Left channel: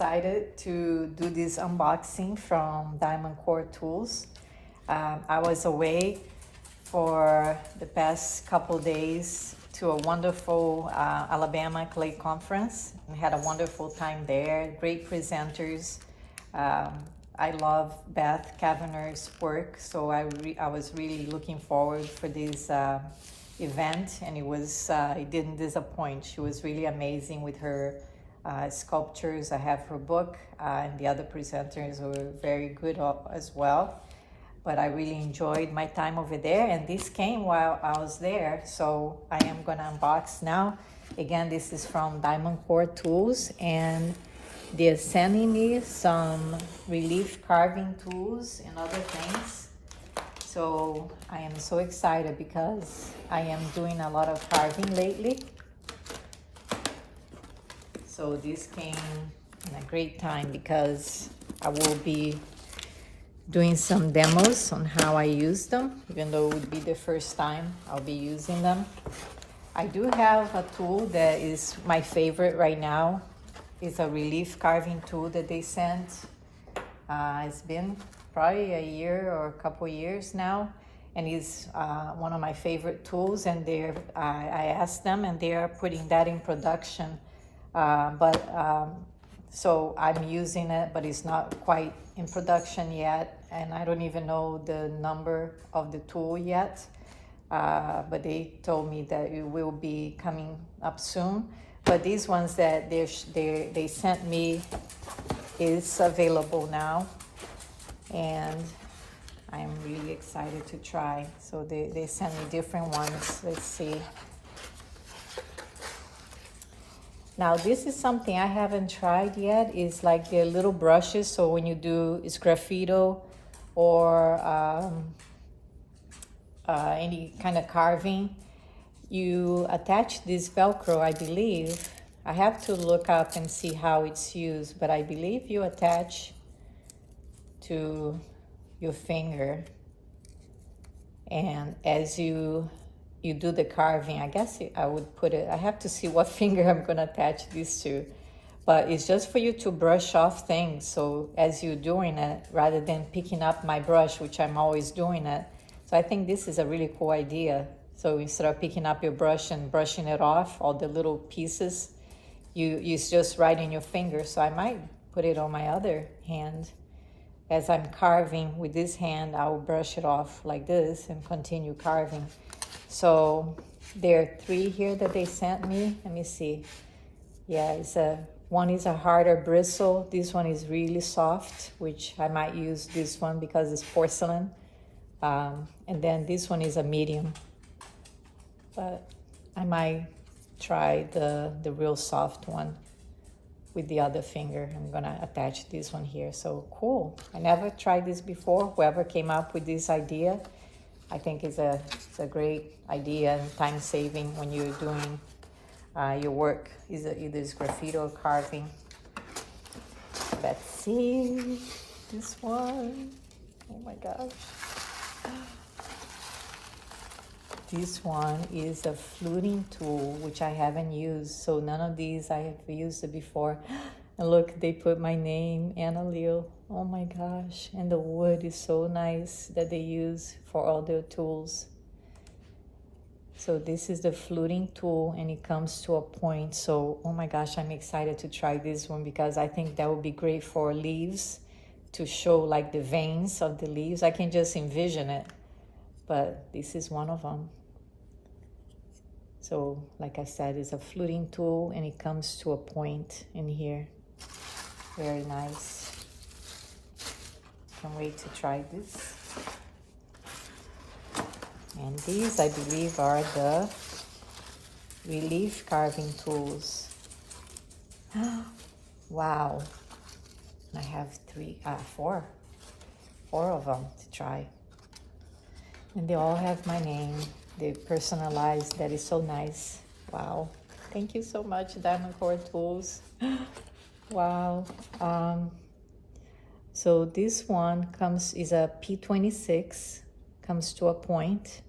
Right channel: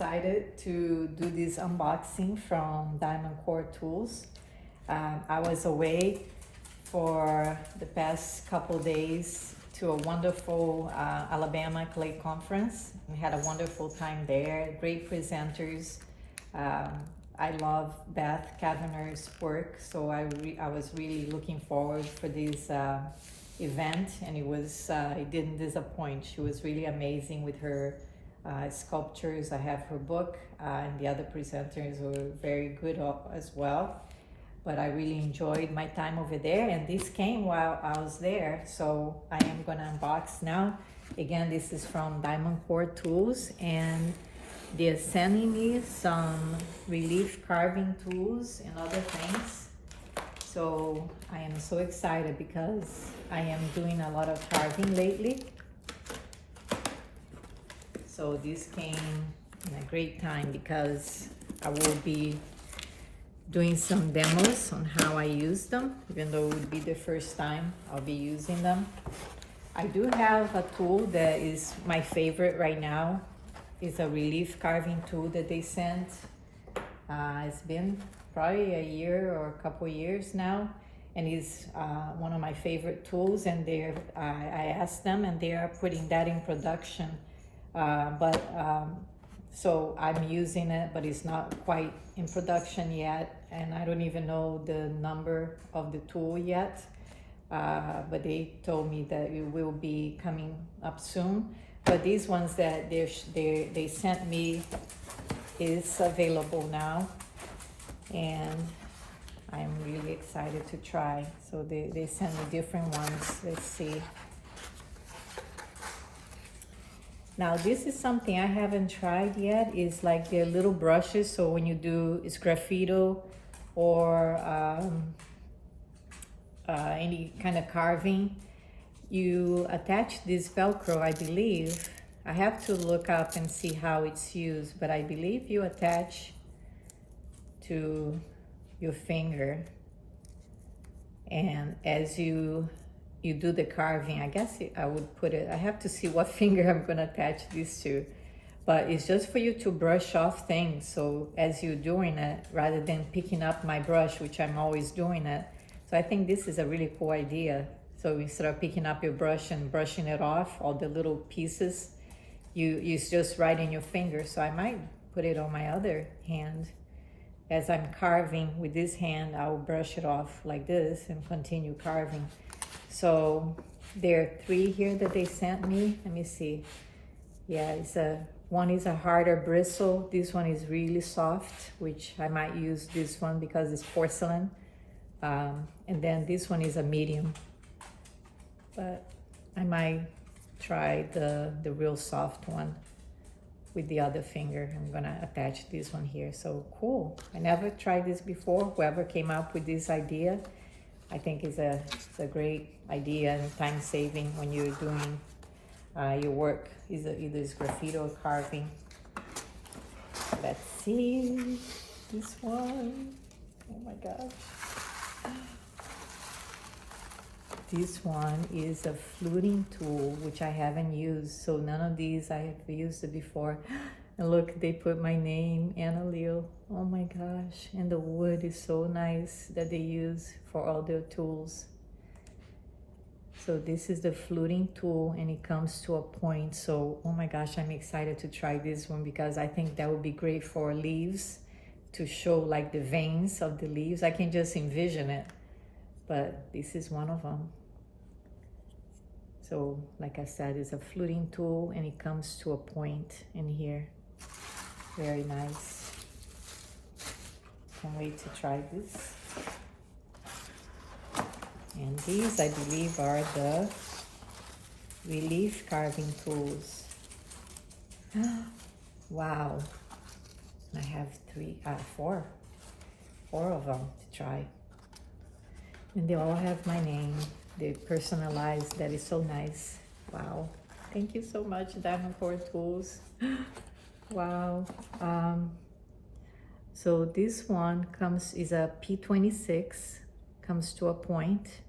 Excited to do this unboxing from Diamondcore Tools. I was away for the past couple days to a wonderful Alabama clay conference. We had a wonderful time there, great presenters. I love Beth Kavanagh's work, so I was really looking forward for this event, and it didn't disappoint. She was really amazing with her sculptures. I have her book, and the other presenters were very good as well. But I really enjoyed my time over there, and this came while I was there, so I am gonna unbox now. Again, this is from Diamondcore Tools, and they're sending me some relief carving tools and other things. So I am so excited because I am doing a lot of carving lately. So this came in a great time because I will be doing some demos on how I use them, even though it would be the first time I'll be using them. I do have a tool that is my favorite right now. It's a relief carving tool that they sent. It's been probably a year or a couple years now, and it's one of my favorite tools, and I asked them and they are putting that in production. So I'm using it, but it's not quite in production yet, and I don't even know the number of the tool yet, but they told me that it will be coming up soon. But these ones that they sent me is available now, and I'm really excited to try. So they sent me different ones. Let's see. Now this is something I haven't tried yet. It's like the little brushes. So when you do graffito or any kind of carving, you attach this Velcro, I believe. I have to look up and see how it's used, but I believe you attach to your finger, and as you do the carving, I guess I would put it, I have to see what finger I'm gonna attach this to, but it's just for you to brush off things. So as you're doing it, rather than picking up my brush, which I'm always doing it. So I think this is a really cool idea. So instead of picking up your brush and brushing it off, all the little pieces, it's just right in your finger. So I might put it on my other hand. As I'm carving with this hand, I will brush it off like this and continue carving. So there are 3 here that they sent me. Let me see. Yeah, one is a harder bristle. This one is really soft, which I might use this one because it's porcelain. And then this one is a medium. But I might try the real soft one with the other finger. I'm gonna attach this one here. So cool. I never tried this before. Whoever came up with this idea, I think it's a great idea and time saving when you're doing your work, either it's graffiti or carving. Let's see this one. Oh my gosh. This one is a fluting tool, which I haven't used. So none of these I have used it before. And look, they put my name, Anna Leo. Oh my gosh. And the wood is so nice that they use for all their tools. So this is the fluting tool, and it comes to a point. So, oh my gosh, I'm excited to try this one because I think that would be great for leaves, to show like the veins of the leaves. I can just envision it, but this is one of them. So like I said, it's a fluting tool, and it comes to a point in here. Very nice. Can't wait to try this. And these, I believe, are the relief carving tools. Wow. I have 4 of them to try. And they all have my name. They personalized. That is so nice. Wow. Thank you so much, Diamondcore Tools. Wow. So this one is a P26. Comes to a point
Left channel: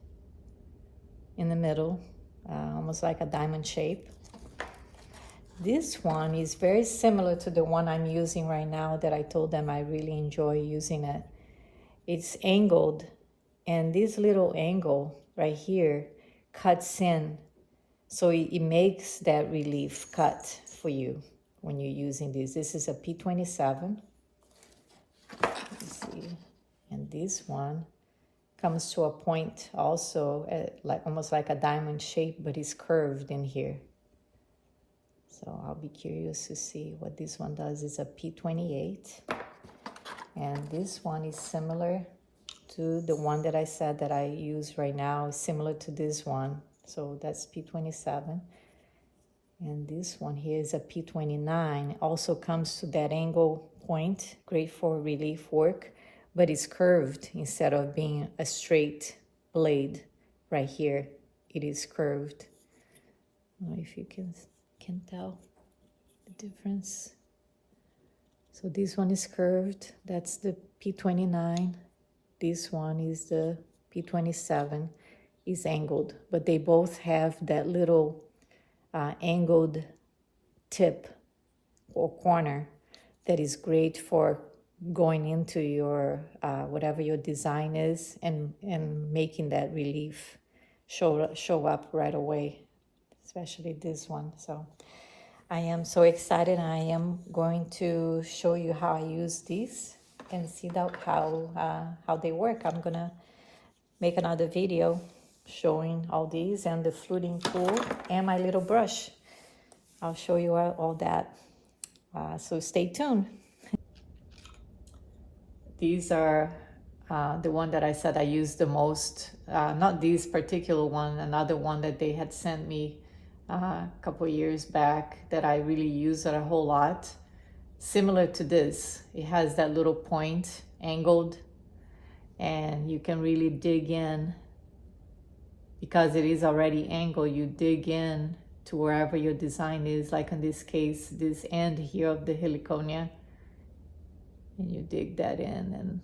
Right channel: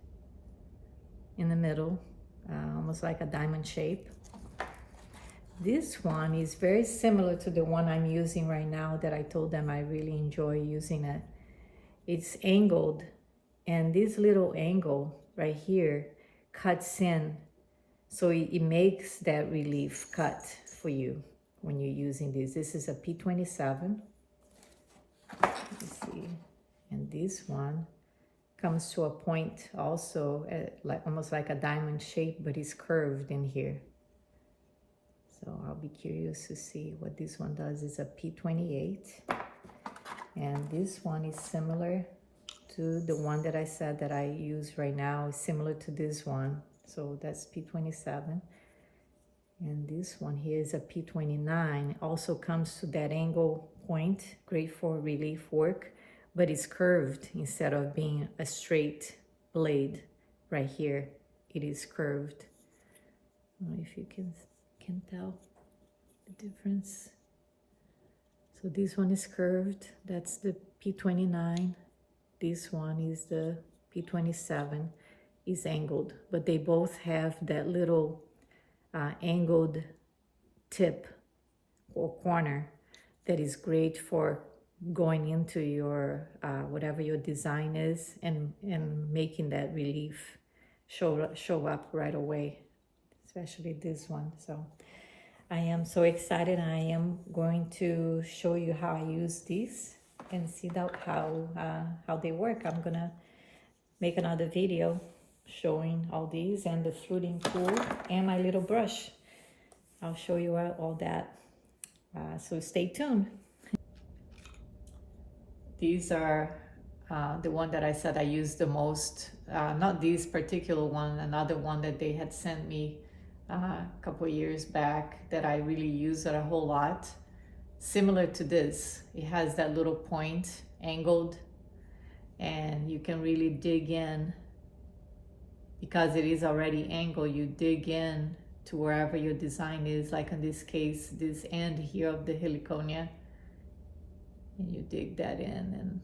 in the middle, almost like a diamond shape. This one is very similar to the one I'm using right now that I told them I really enjoy using it. It's angled, and this little angle right here cuts in, so it makes that relief cut for you when you're using this. This is a P27. Let me see. And this one comes to a point also, like almost like a diamond shape, but it's curved in here. So I'll be curious to see what this one does. It's a P28. And this one is similar to the one that I said that I use right now. It's similar to this one. So that's P27. And this one here is a P29. Also comes to that angle point. Great for relief work. But it's curved instead of being a straight blade right here. It is curved. I don't know if you can tell the difference. So this one is curved. That's the P29. This one is the P27. Is angled, but they both have that little angled tip or corner that is great for going into your whatever your design is and making that relief show up right away, especially this one. So I am so excited. I am going to show you how I use these and see how they work. I'm gonna make another video showing all these and the fluting tool and my little brush. I'll show you all that. So stay tuned. These are the one that I said I use the most. Not this particular one, another one that they had sent me a couple years back that I really use it a whole lot. Similar to this, it has that little point angled, and you can really dig in. Because it is already angled, you dig in to wherever your design is, like in this case, this end here of the heliconia, and you dig that in, and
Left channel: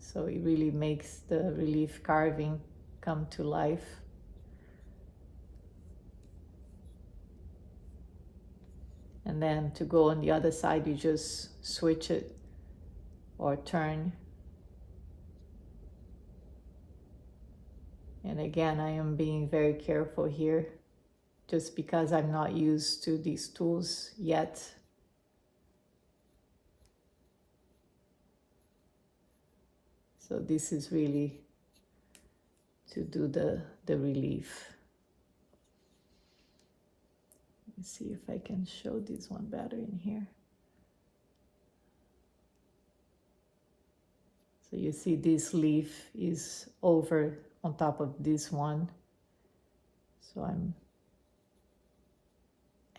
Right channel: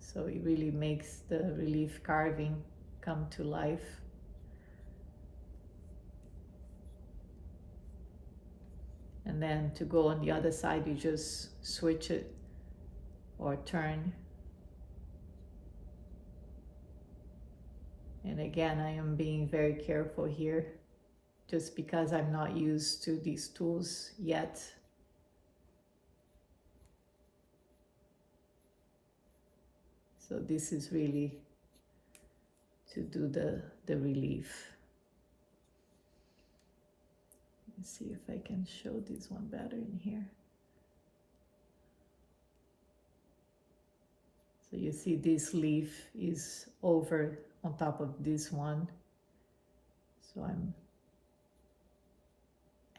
so it really makes the relief carving come to life. And then to go on the other side, you just switch it or turn. And again, I am being very careful here just because I'm not used to these tools yet. So this is really to do the relief. Let me see if I can show this one better in here. So you see this leaf is over on top of this one. So I'm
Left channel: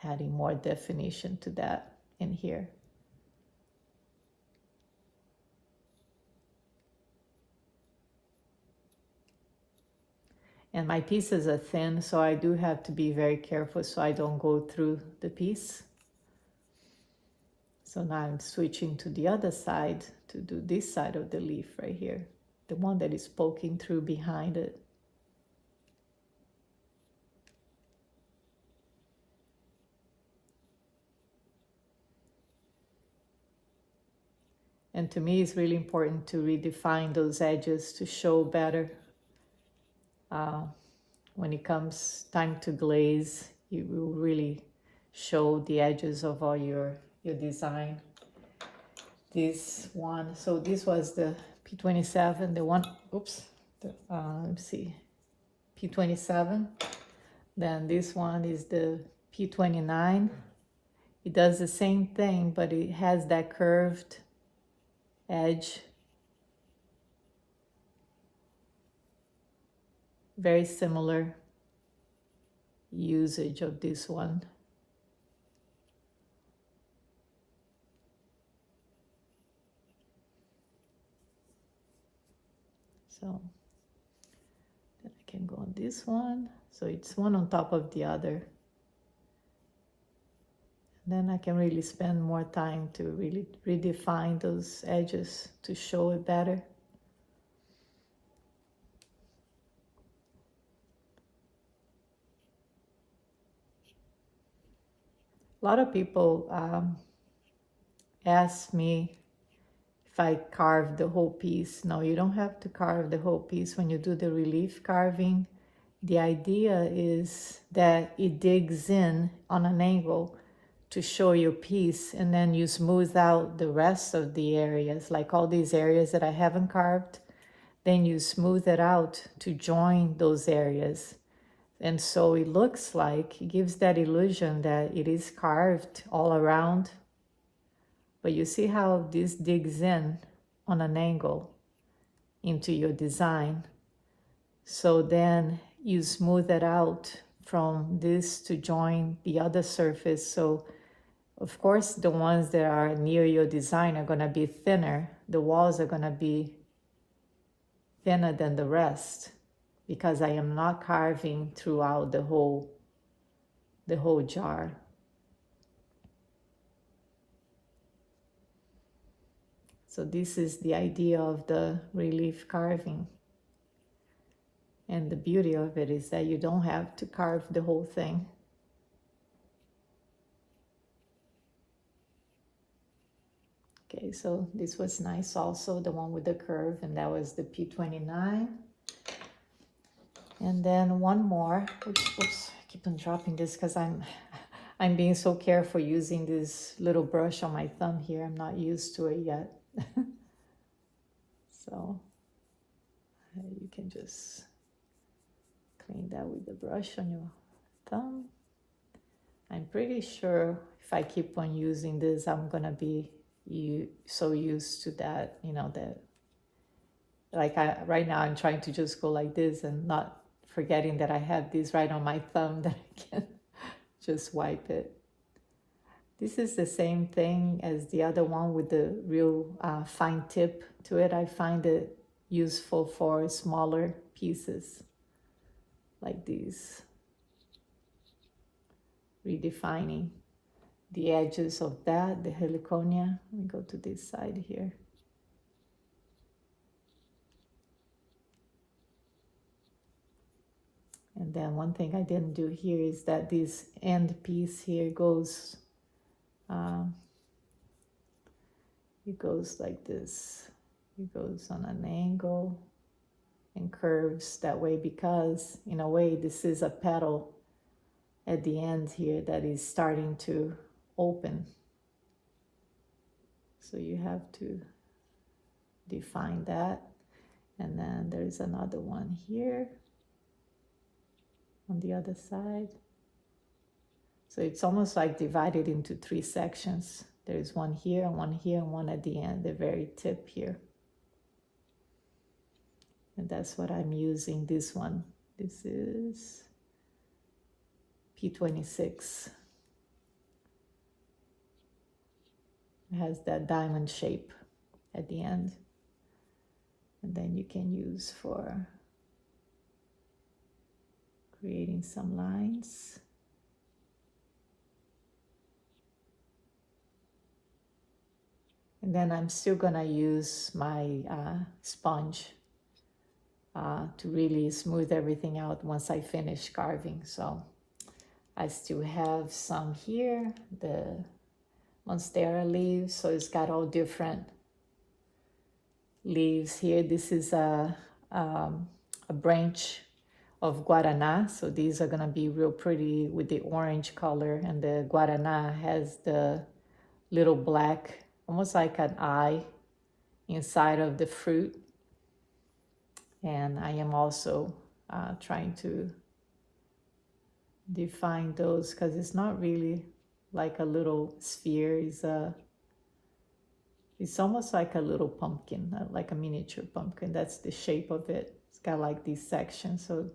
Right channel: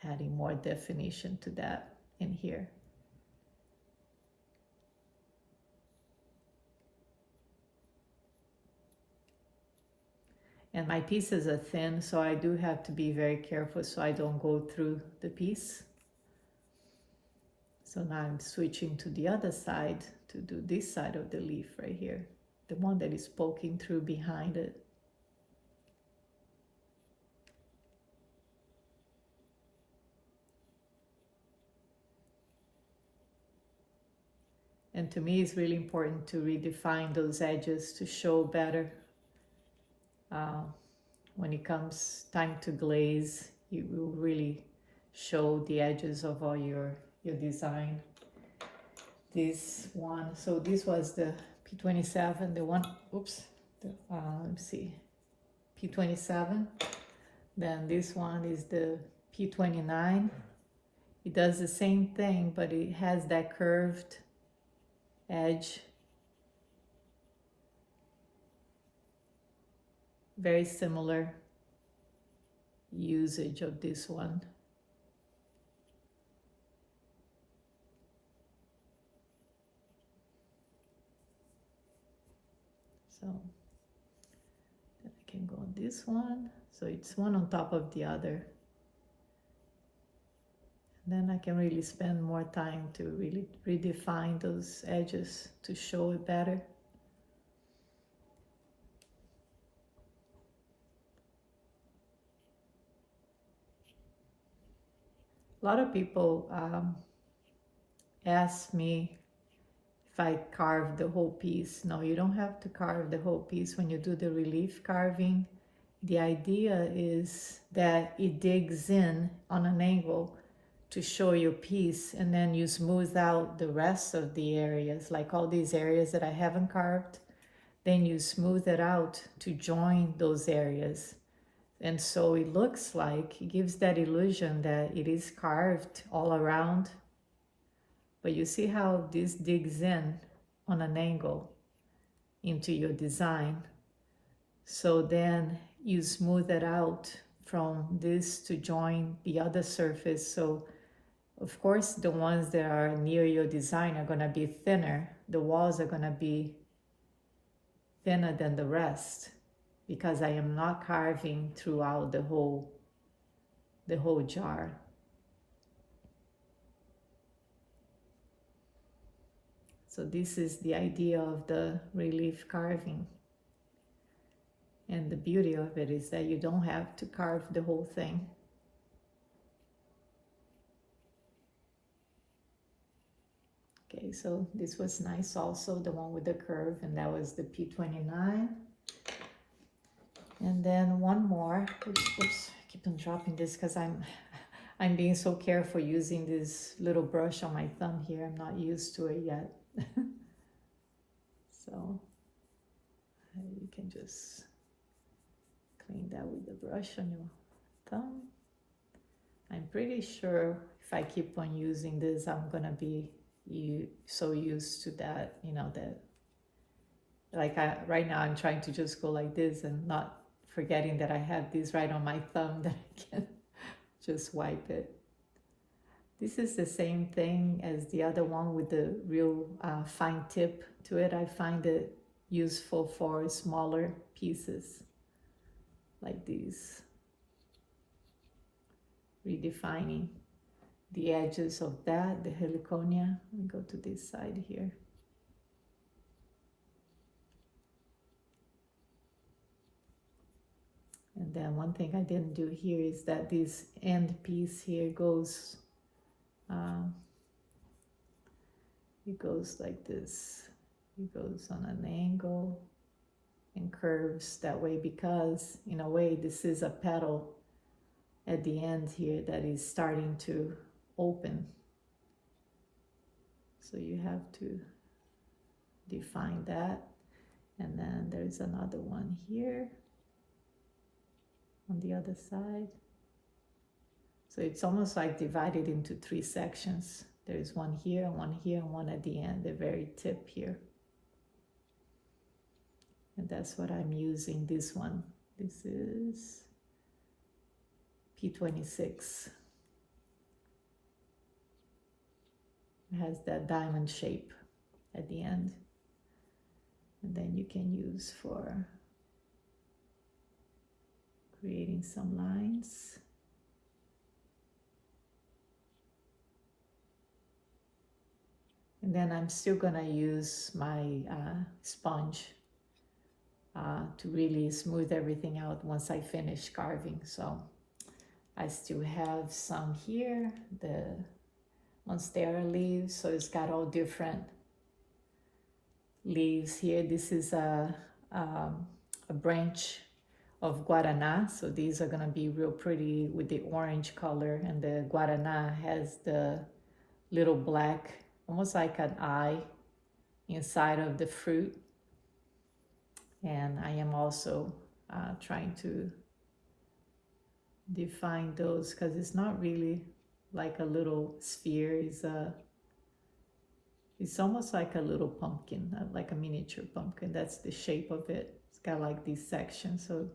adding more definition to that in here. And my pieces are thin, so I do have to be very careful so I don't go through the piece. So now I'm switching to the other side to do this side of the leaf right here, the one that is poking through behind it. And to me, it's really important to redefine those edges to show better. When it comes time to glaze, you will really show the edges of all your design. This one, so this was the P27, the one, oops, let me see, P27. Then this one is the P29. It does the same thing, but it has that curved edge. Very similar usage of this one. So then I can go on this one. So it's one on top of the other. Then I can really spend more time to really redefine those edges to show it better. A lot of people ask me if I carve the whole piece. No, you don't have to carve the whole piece when you do the relief carving. The idea is that it digs in on an angle to show your piece, and then you smooth out the rest of the areas, like all these areas that I haven't carved. Then you smooth it out to join those areas. And so it looks like, it gives that illusion that it is carved all around. But you see how this digs in on an angle into your design. So then you smooth it out from this to join the other surface. So of course the ones that are near your design are going to be thinner. The walls are going to be thinner than the rest, because I am not carving throughout the whole jar. So this is the idea of the relief carving. And the beauty of it is that you don't have to carve the whole thing. Okay, so this was nice also, the one with the curve, and that was the P29. And then one more. Oops, I keep on dropping this because I'm being so careful using this little brush on my thumb here. I'm not used to it yet. So you can just clean that with the brush on your thumb. I'm pretty sure if I keep on using this, I'm gonna be so used to that, you know, that like right now I'm trying to just go like this and not forgetting that I have this right on my thumb, that I can just wipe it. This is the same thing as the other one with the real fine tip to it. I find it useful for smaller pieces like these, redefining the edges of that, the heliconia. Let me go to this side here. And then one thing I didn't do here is that this end piece here goes, it goes like this. It goes on an angle and curves that way, because in a way this is a petal at the end here that is starting to open. So you have to define that. And then there's another one here on the other side. So it's almost like divided into 3 sections. There's one here and one here and one at the end, the very tip here. And that's what I'm using, this one. This is P26. It has that diamond shape at the end. And then you can use for creating some lines. And then I'm still gonna use my sponge to really smooth everything out once I finish carving. So I still have some here, the monstera leaves, so it's got all different leaves here. This is a branch of guaraná, so these are gonna be real pretty with the orange color, and the guaraná has the little black, almost like an eye inside of the fruit. And I am also trying to define those, because it's not really like a little sphere. It's almost like a little pumpkin, like a miniature pumpkin. That's the shape of it. It's got like these sections. So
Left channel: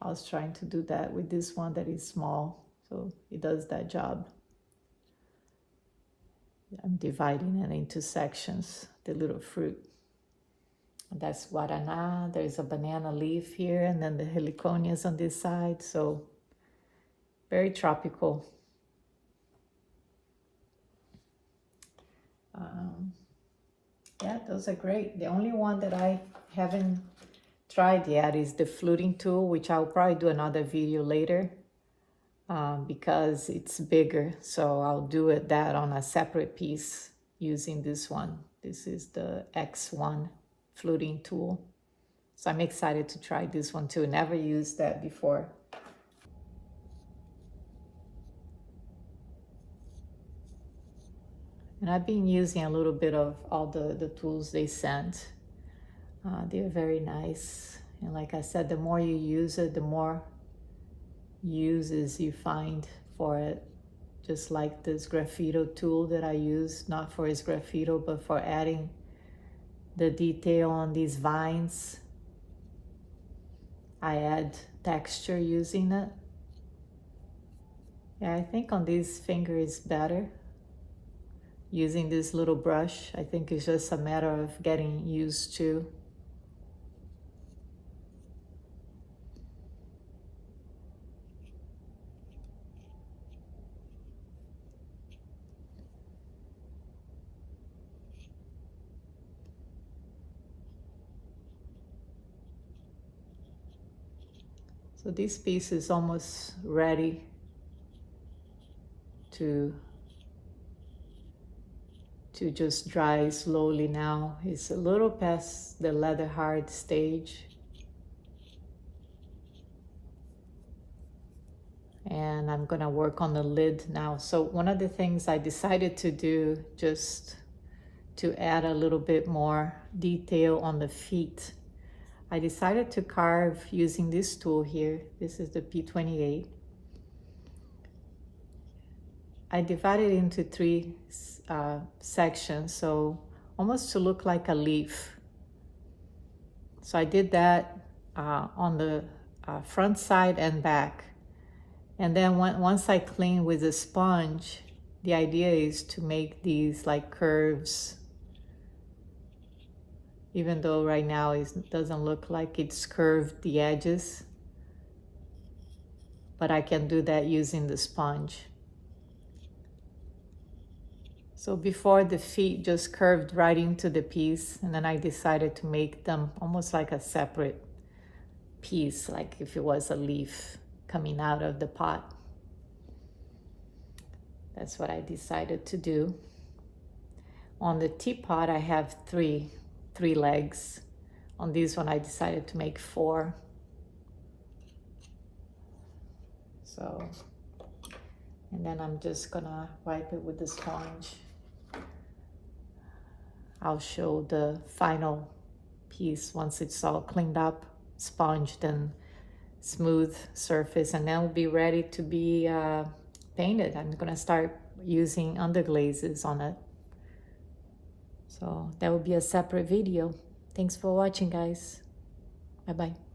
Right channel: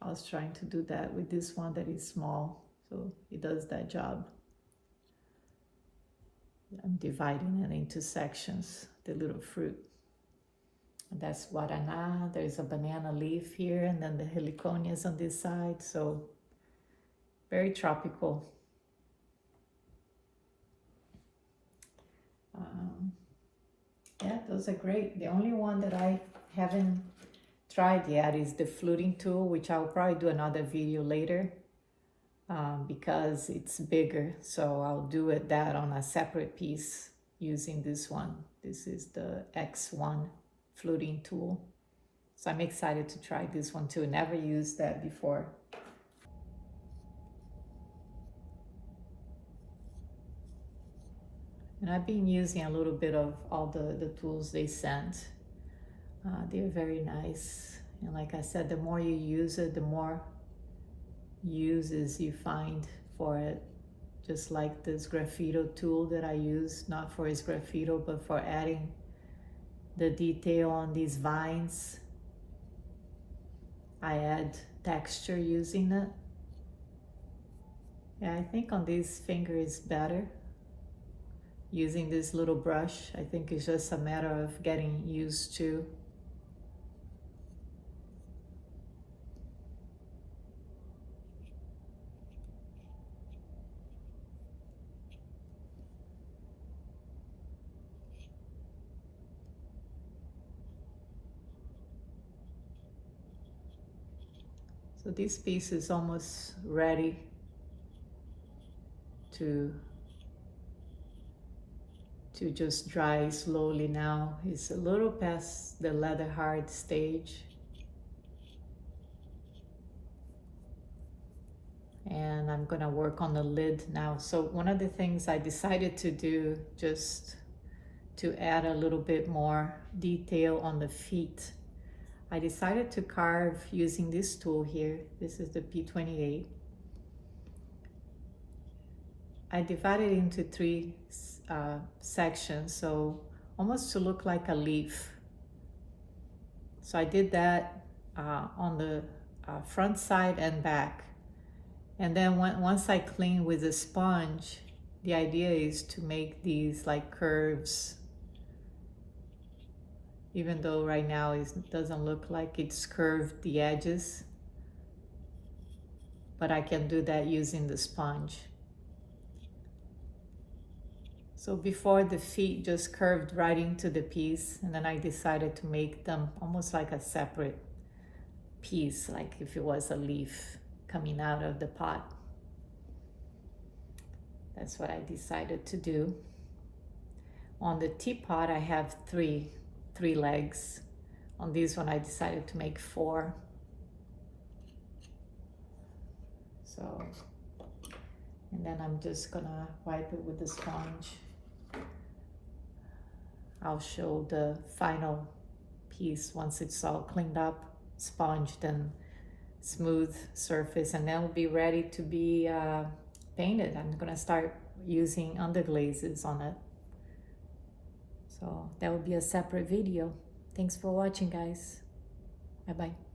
I was trying to do that with this one that is small. So it does that job. I'm dividing it into sections, the little fruit. That's guaraná. There's a banana leaf here, and then the heliconias on this side. So very tropical. Yeah, those are great. The only one that I haven't tried yet is the fluting tool, which I'll probably do another video later. because it's bigger. So I'll do that on a separate piece using this one. This is the X1 fluting tool. So I'm excited to try this one too. Never used that before. And I've been using a little bit of all the tools they sent. They're very nice. And like I said, the more you use it, the more uses you find for it. Just like this graffito tool that I use, not for its graffito, but for adding the detail on these vines. I add texture using it. Yeah, I think on this finger is better. Using this little brush, I think it's just a matter of getting used to. So this piece is almost ready to just dry slowly now. It's a little past the leather hard stage. And I'm gonna work on the lid now. So one of the things I decided to do, just to add a little bit more detail on the feet, I decided to carve using this tool here. This is the P28. I divided it into three sections, so almost to look like a leaf. So I did that on the front side and back. And then once I clean with a sponge, the idea is to make these like curves, even though right now it doesn't look like it's curved the edges, but I can do that using the sponge. So before, the feet just curved right into the piece, and then I decided to make them almost like a separate piece, like if it was a leaf coming out of the pot. That's what I decided to do. On the teapot, I have three legs. On this one, I decided to make 4. So, and then I'm just gonna wipe it with the sponge. I'll show the final piece once it's all cleaned up, sponged and smooth surface, and then it'll be ready to be painted. I'm gonna start using underglazes on it. So that will be a separate video. Thanks for watching, guys. Bye-bye.